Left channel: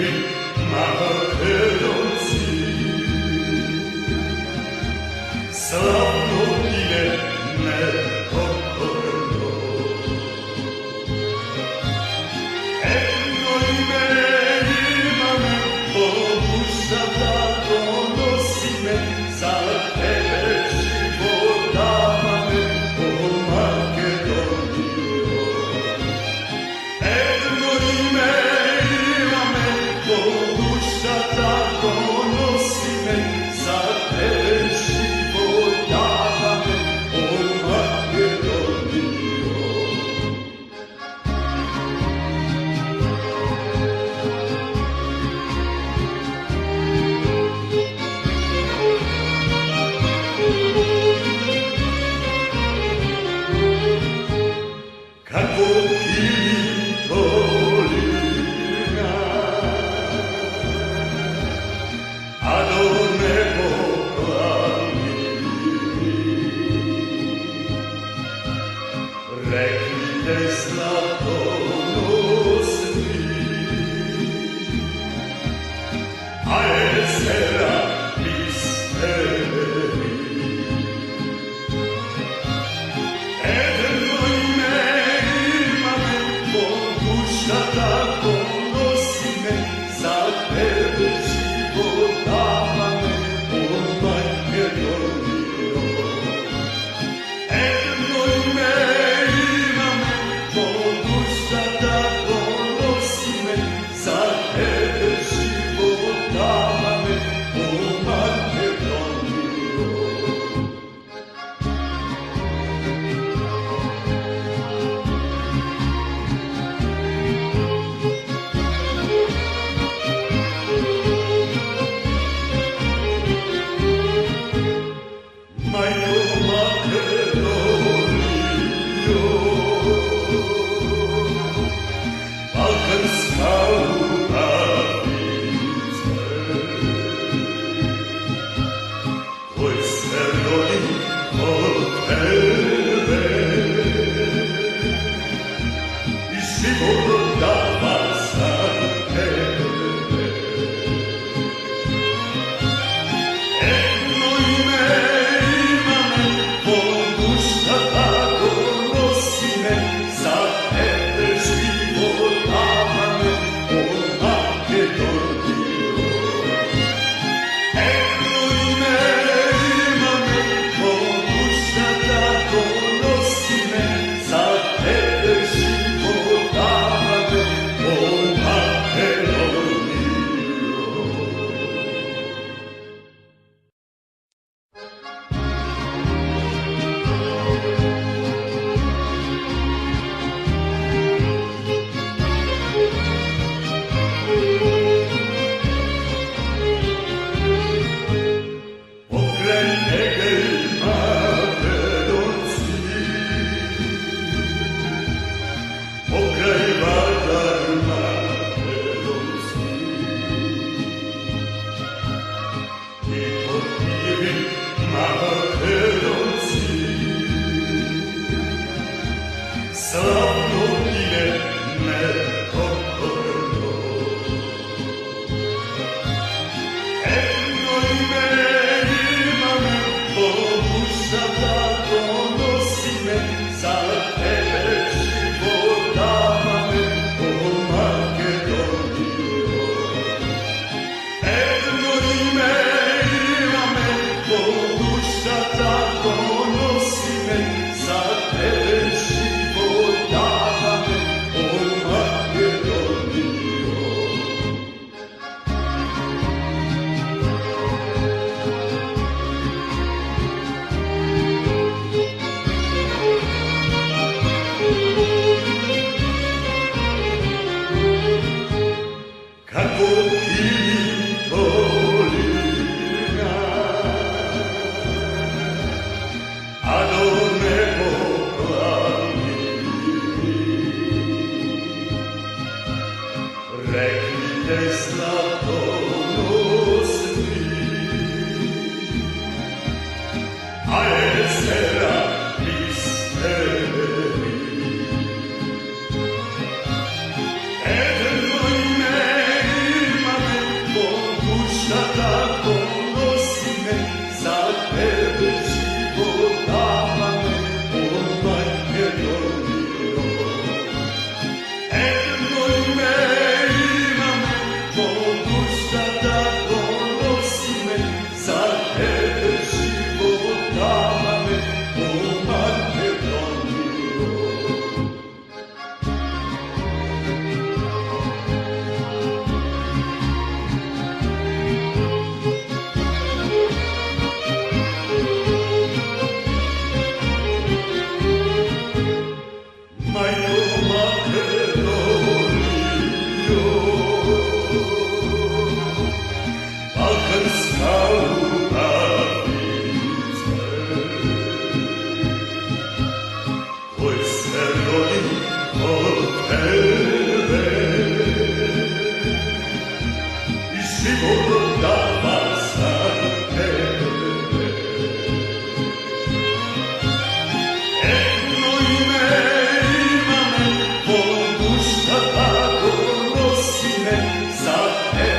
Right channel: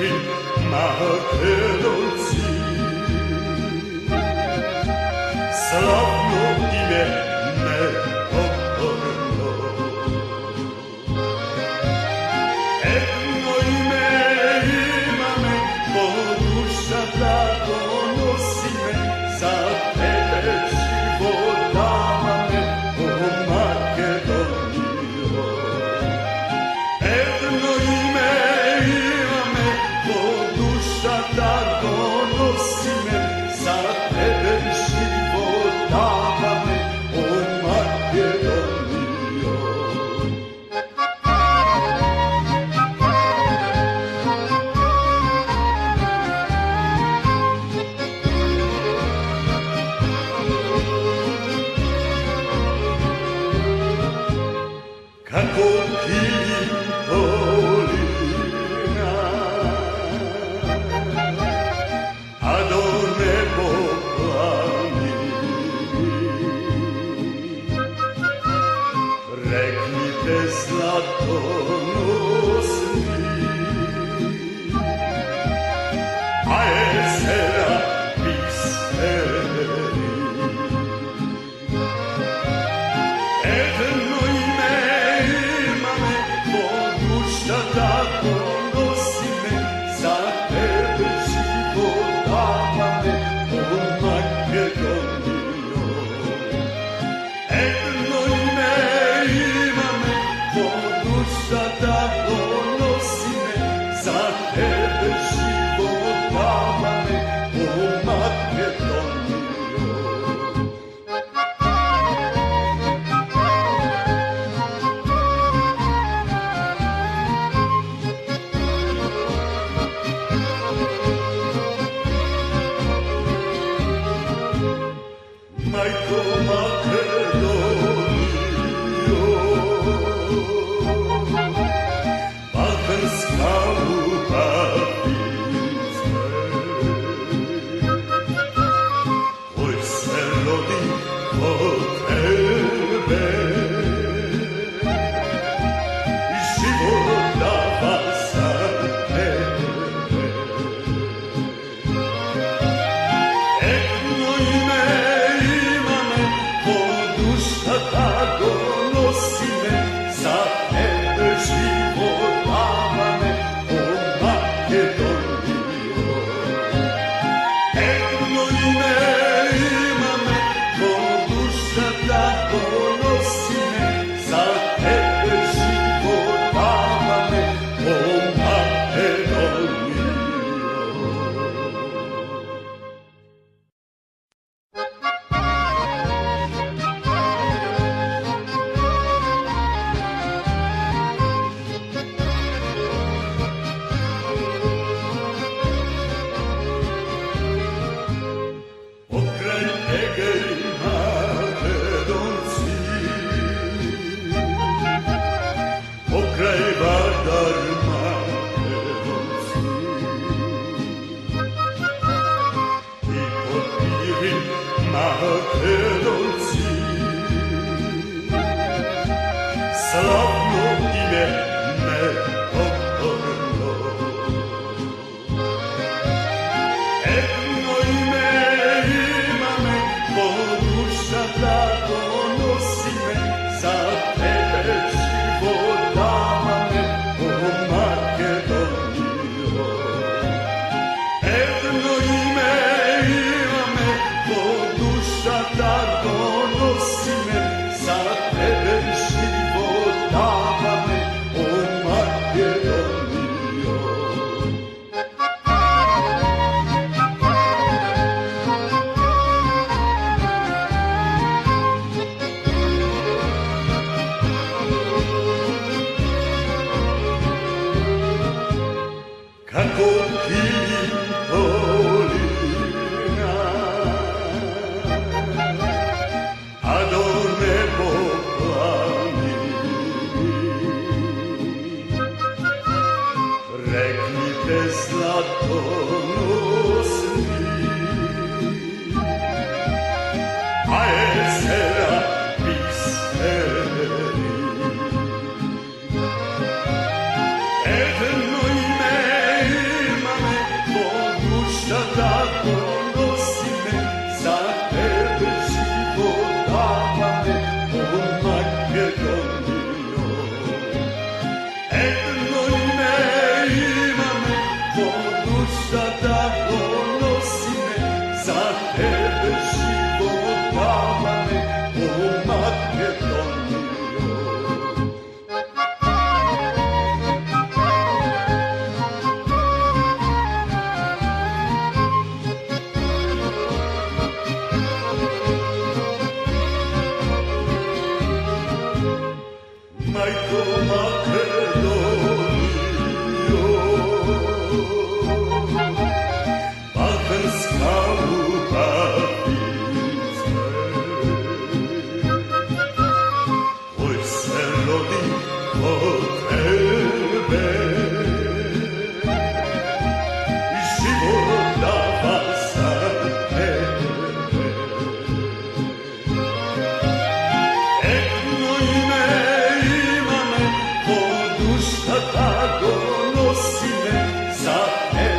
pirin Makedonci. Slavno ime nepokorno, jedno ime imame, po duša da donosi me, za tebe život dava me, o Makedonijo. Jedno ime imame, po duša da donosi me, za tebe život dava me, o Makedonijo. Kako kilim polina, a do nebo plani, rekli te zlatonosni, a jezera bisteri. Jedno ime imame, po duša tako nosi me, za tebe život dava me, o Makedonijo. Jedno ime imame, po duša tako nosi me, za tebe život dava me, o Makedonijo. Majko Makedonijo, balkanska upavice, koji se rodi od tebe i život dava za tebe. Jedno ime imame, po duša tako nosi me, za tebe život dava me, o Makedonijo. Jedno ime imame, po duša tako nosi me, za tebe život dava me, o Makedonijo. Pokraj Egej Makedonci, pokraj Vardar Makedonci, i pod Pirin Makedonci. Slavno ime nepokorno, jedno ime imame, po duša da donosi me, za tebe život dava me, o Makedonijo. Jedno ime imame, po duša da donosi me, za tebe život dava me, o Makedonijo. Kako kilim polina, a do nebo plani, rekli te zlatonosni, a jezera bisteri. Jedno ime život dava za tebe. Etno ime ima me, po duša tako nosi me, za tebe